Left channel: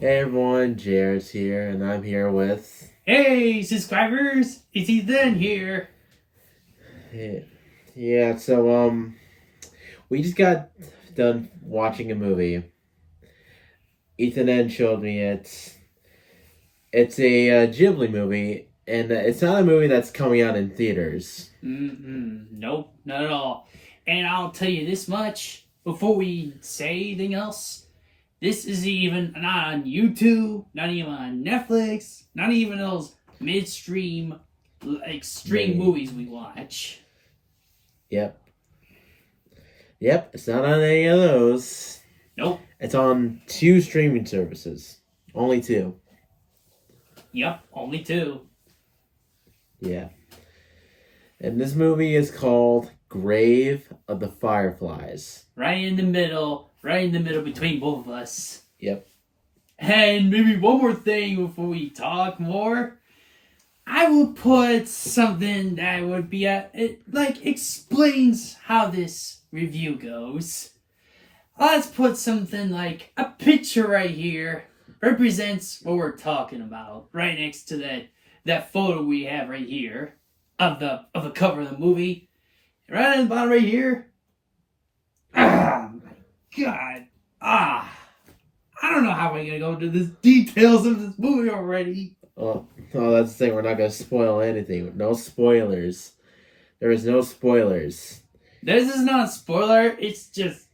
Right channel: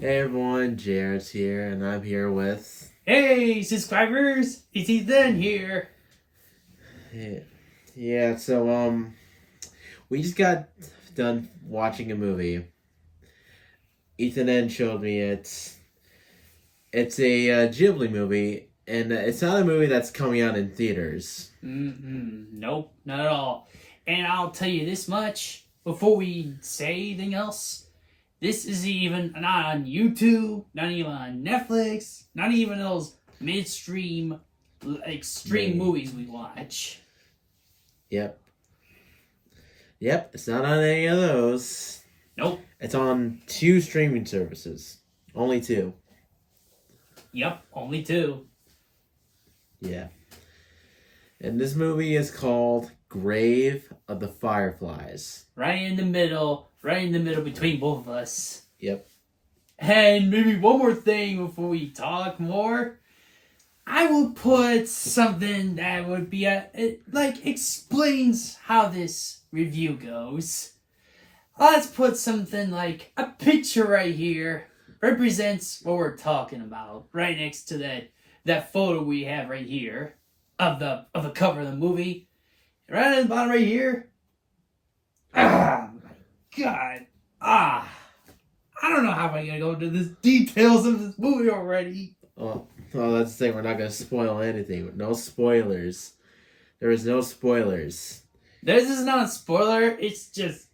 Hey everyone, JArt's here, and I'm here with. Hey, subscribers! It's EthanN here. Yeah, so we just got done watching a movie. EthanN showed me it. It's a Ghibli movie, and it's not a movie that's coming out in theaters. Nope, not at all. And I'll tell you this much before we say anything else. This is even not on YouTube, not even on Netflix, not even those midstream, extreme movies we watch. Yep. Yep, it's not on any of those. Nope. It's on 2 streaming services. Only 2. Yep, only 2. Yeah. And this movie is called Grave of the Fireflies. Right in the middle between both of us. Yep. And maybe one more thing before we talk more. I will put something that would be it explains how this review goes. Let's put something like a picture right here represents what we're talking about. Right next to that photo we have right here of the cover of the movie. Right on the bottom right here. Ah, my God. I don't know how I'm gonna go into the details of this movie already. Oh, that's the thing. We're not going to spoil anything. No spoilers. There is no spoilers. This is not a spoiler. This just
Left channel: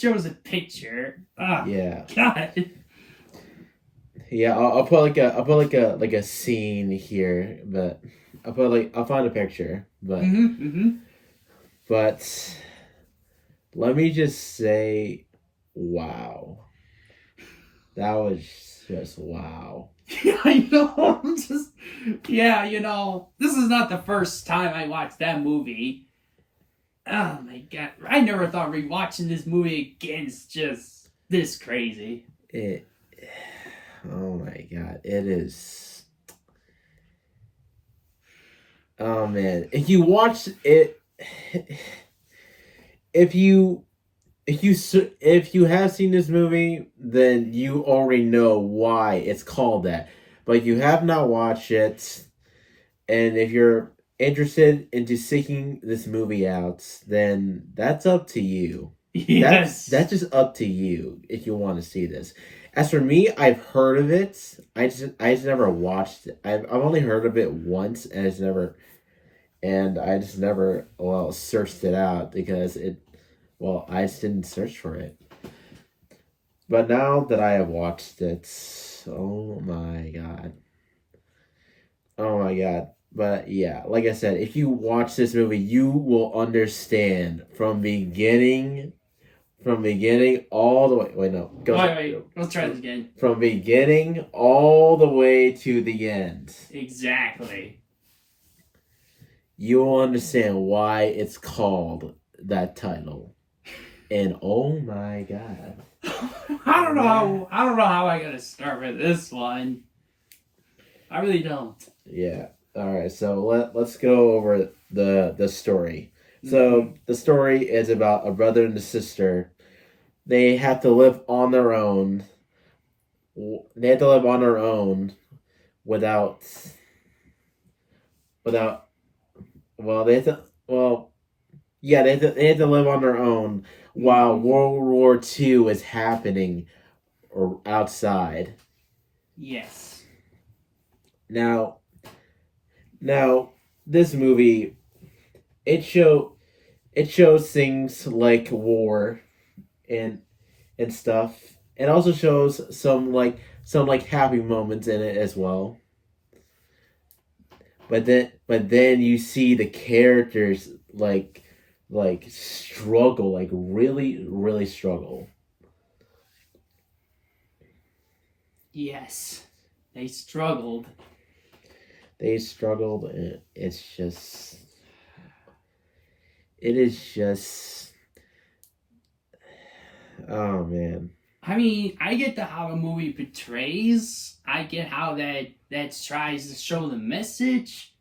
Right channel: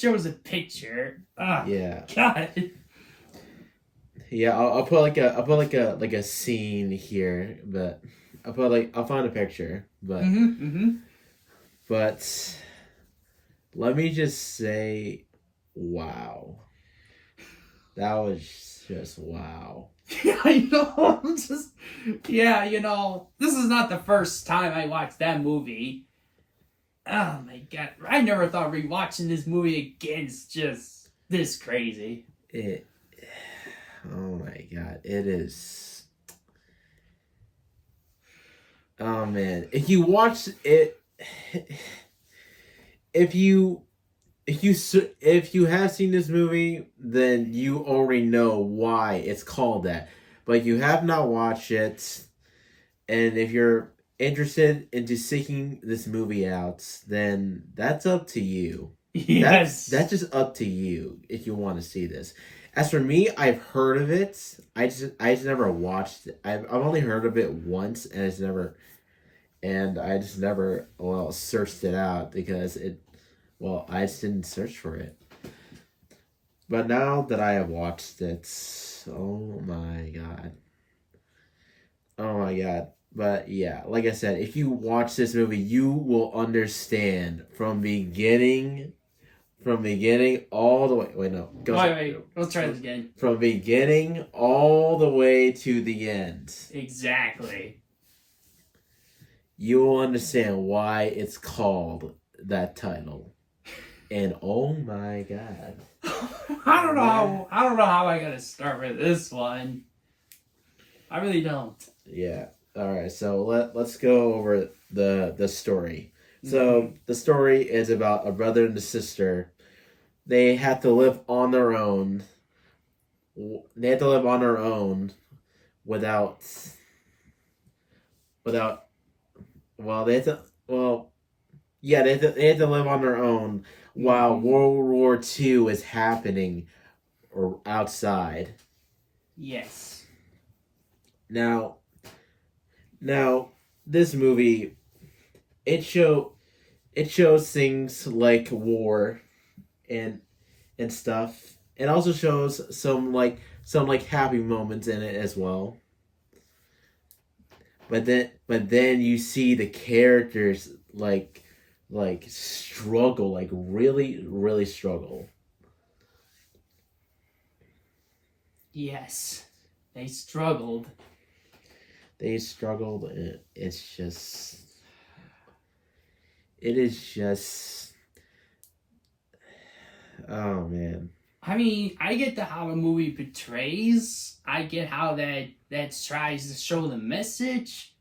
shows a picture. Yeah. God. Yeah, I'll put like a scene here, but I'll find a picture, but but let me just say, wow, that was just wow. I know. This is not the first time I watched that movie. Oh my God, I never thought rewatching this movie again is just this crazy. Oh my God, it is. Oh man, if you watch it, if you have seen this movie, then you already know why it's called that. But you have not watched it, and if you're interested into seeking this movie out, then that's up to you. Yes. That's just up to you if you want to see this. As for me, I've heard of it. I just never watched it. I've only heard of it once, and I just never searched it out because I just didn't search for it. But now that I have watched it, oh my God. Oh my God. But yeah, like I said, if you watch this movie, you will understand from beginning all the way. Wait, no. Wait. Let's try this again. From beginning all the way to the end. Exactly. You will understand why it's called that title. And oh my God. I don't know how I gotta start with this one. I really don't. Yeah. All right. So let's go over the story. So the story is about a brother and a sister. They have to live on their own. They have to live on their own without. Well, they have to. Well, yeah, they have to live on their own while World War II is happening or outside. Yes. Now this movie it shows things like war and stuff. It also shows some happy moments in it as well. But then you see the characters struggle, like really, really struggle. Yes. They struggled. And it is just, oh man. I mean, I get how the movie portrays. I get how that tries to show the message.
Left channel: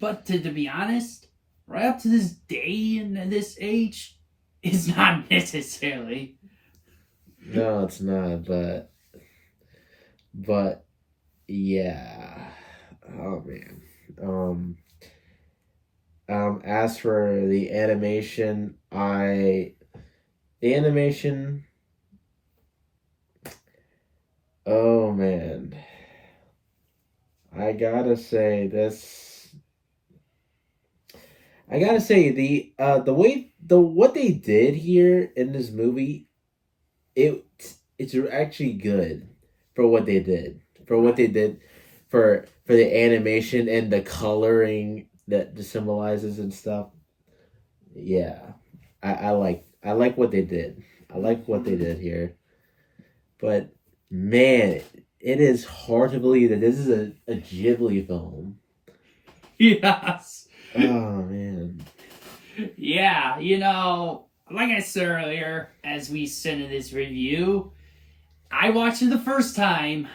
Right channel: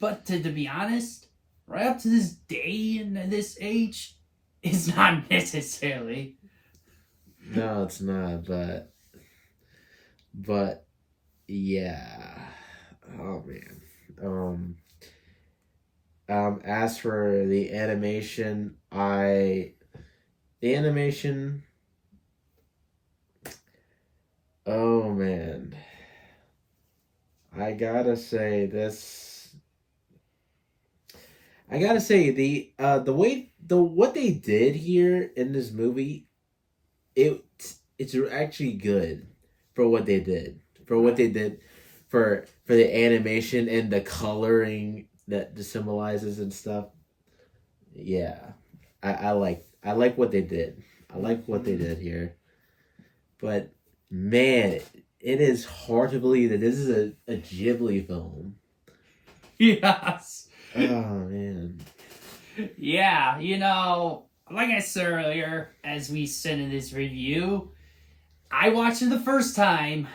But to be honest, right up to this day and this age, it's not necessarily. No, it's not, but But yeah, oh man. As for the animation, oh man, I gotta say this. I gotta say the way the what they did here in this movie, it it's actually good for what they did for what they did for the animation and the coloring that symbolizes and stuff. Yeah, I like what they did. I like what they did here, but man, it is hard to believe that this is a Ghibli film. Yes. Oh man. Yeah, like I said earlier, as we said in this review, I watched it the first time.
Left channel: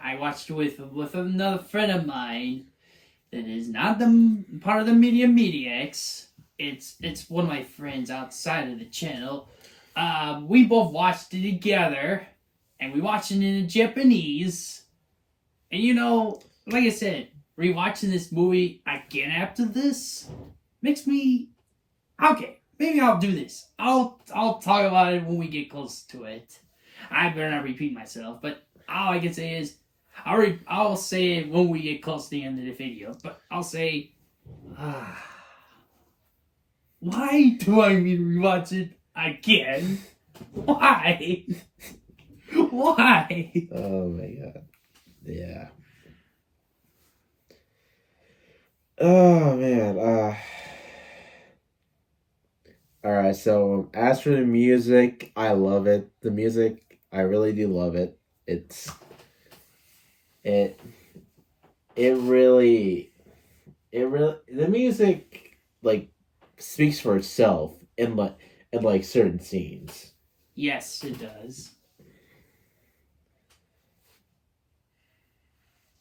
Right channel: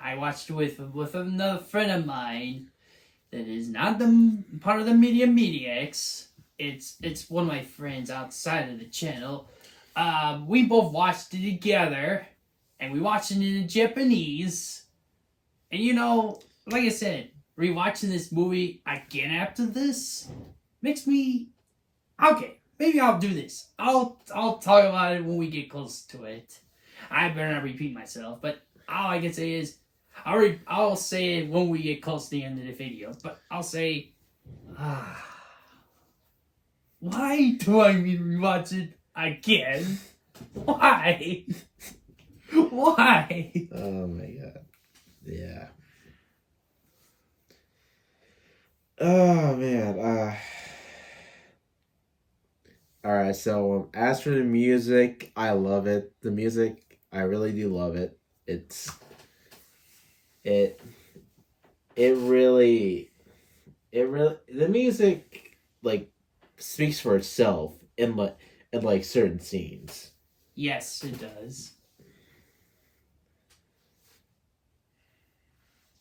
I watched it with another friend of mine that is not the part of the Mediax. It's one of my friends outside of the channel. We both watched it together, and we watched it in Japanese. And like I said, rewatching this movie again after this makes me okay. Maybe I'll do this. I'll talk about it when we get close to it. I better not repeat myself, but all I can say is I'll say it when we get close to the end of the video. But I'll say, why do I need to rewatch it again? Why? Why? Oh my god. Yeah. Oh man. All right. So as for the music, I love it. The music, I really do love it. It it really the music like speaks for itself in like certain scenes. Yes, it does.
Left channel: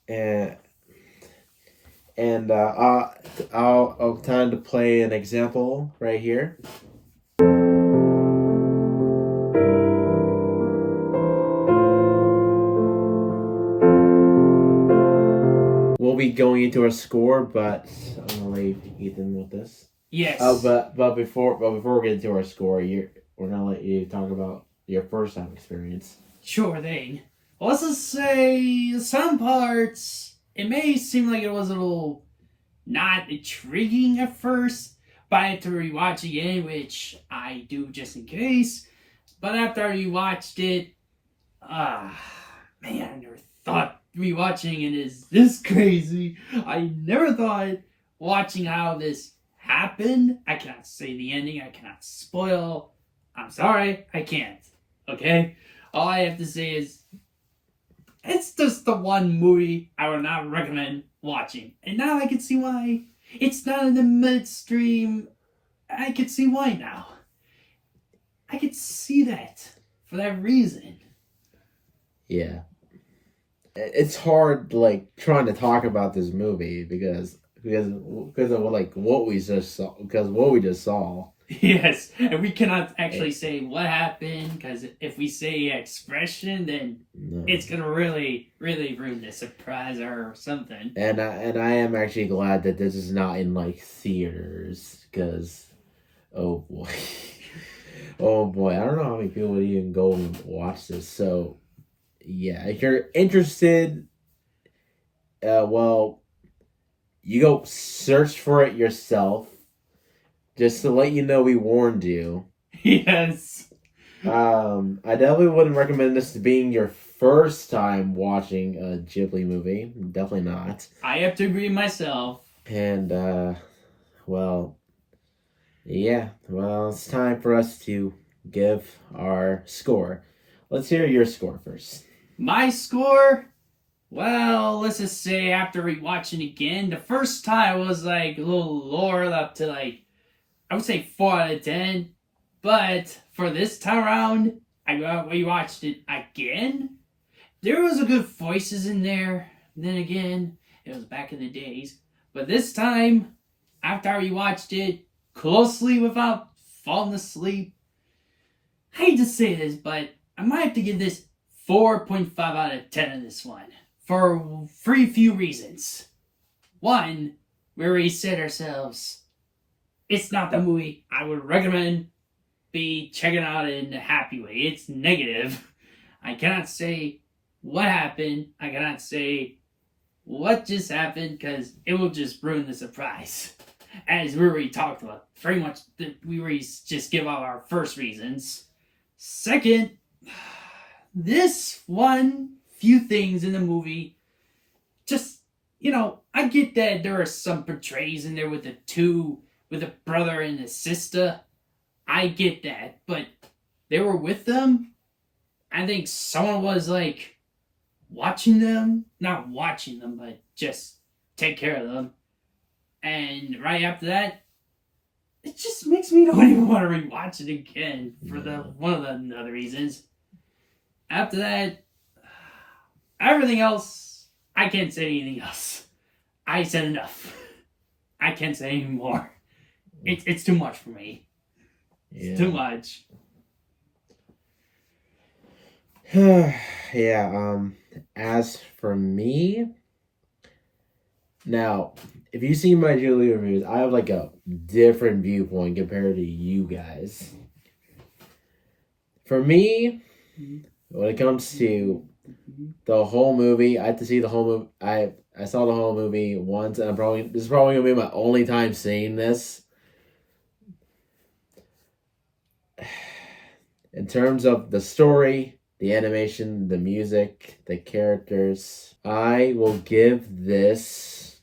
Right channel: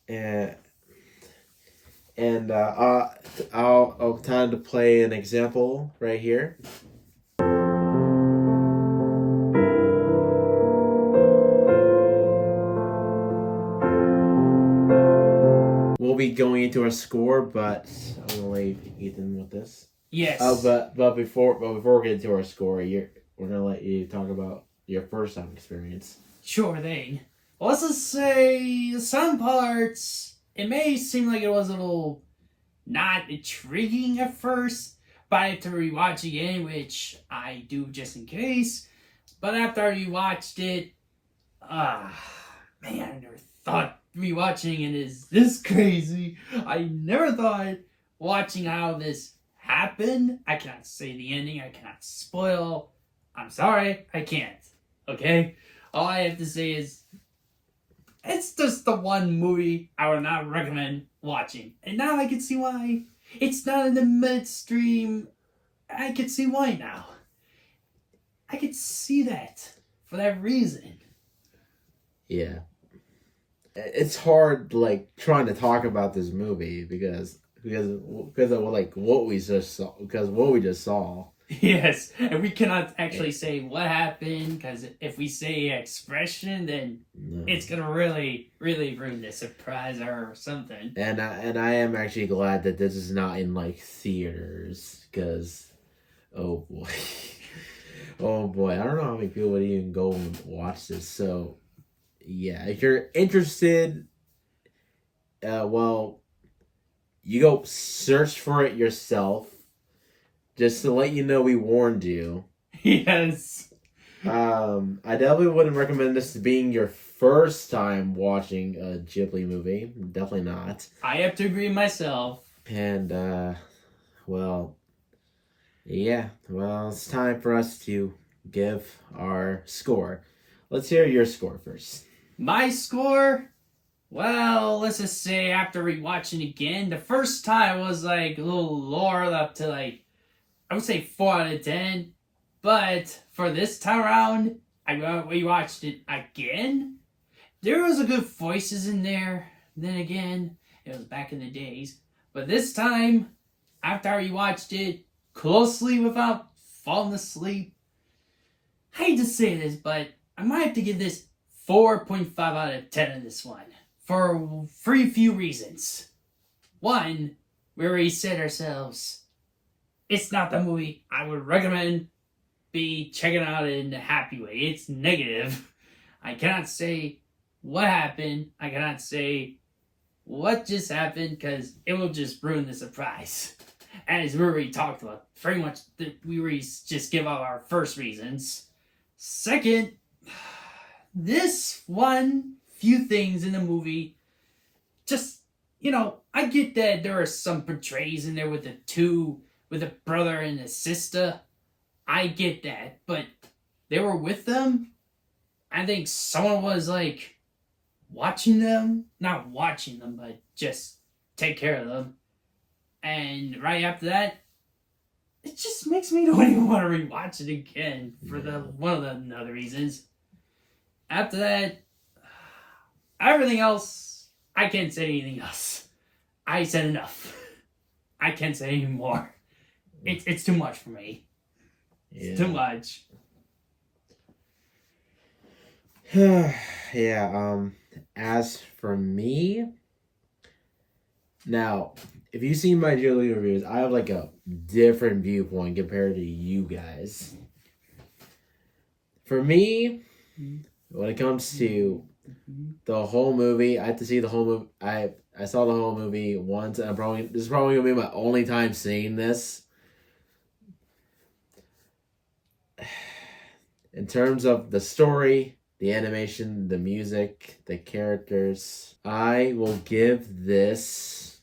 And I'll time to play an example right here. We'll be going into our score, but I'm gonna leave Ethan with this. Yes. But before we get into our score, we're gonna let you talk about your first time experience. Sure thing. Well, let's just say some parts, it may seem like it was a little not intriguing at first, but I had to rewatch again, which I do just in case. But after I rewatched it, man, I never thought rewatching it is this crazy. I never thought watching how this happened. I cannot say the ending. I cannot spoil. I'm sorry, I can't. Okay? All I have to say is it's just the one movie I would not recommend watching. And now I can see why. It's not in the midstream. I can see why now. I could see that for that reason. Yeah. It's hard like trying to talk about this movie because of like what we just saw. Yes, and we cannot actually say what happened because if we say expression, then it's gonna really, really ruin the surprise or something. And I am actually glad that this is not in like theaters because, oh boy, oh boy, I don't know how many people would even go and watch this. So, yeah, if you're interested, well, you go search for it yourself. Just to let you know, we warned you. Yes. I definitely wouldn't recommend this being your first time watching a Ghibli movie. Definitely not. I have to agree myself. And, well, yeah. Well, it's time for us to give our score. Let's hear your score first. My score? Well, let's just say after rewatching again, the first time was like a little lower up to like, I would say 4 out of 10. But for this time around, I rewatched it again. There was a good voices in there. Then again, it was back in the days. But this time, after I rewatched it closely without falling asleep, I hate to say this, but I might have to give this 4.5 out of 10 on this one. For very few reasons. One, we already said ourselves, it's not the movie I would recommend be checking out in a happy way. It's negative. I cannot say what happened. I cannot say what just happened because it will just ruin the surprise. As we already talked about, very much we already just give out our first reasons. Second, this one few things in the movie, just, I get that there are some portrays in there with a brother and a sister. I get that, but they were with them. I think someone was like watching them, not watching them, but just take care of them. And right after that, it just makes me don't even want to rewatch it again for one of the other reasons. After that, everything else, I can't say anything else. I said enough. I can't say any more. It's too much for me. It's too much. Yeah, as for me, now, if you've seen my Ghibli reviews, I have like a different viewpoint compared to you guys. For me, when it comes to the whole movie, I have to see the whole movie. I saw the whole movie once, and this is probably gonna be my only time seeing this. In terms of the story, the animation, the music, the characters, I will give this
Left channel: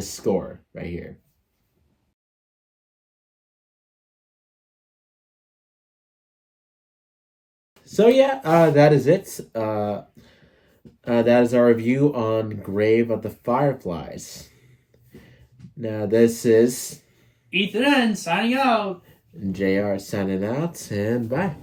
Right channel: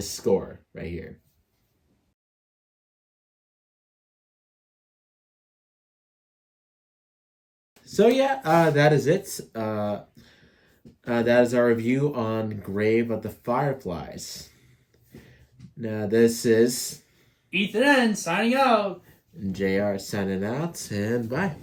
score right here. So yeah, that is it. That is our review on Grave of the Fireflies. Now this is EthanN signing out. JArt signing out, and bye.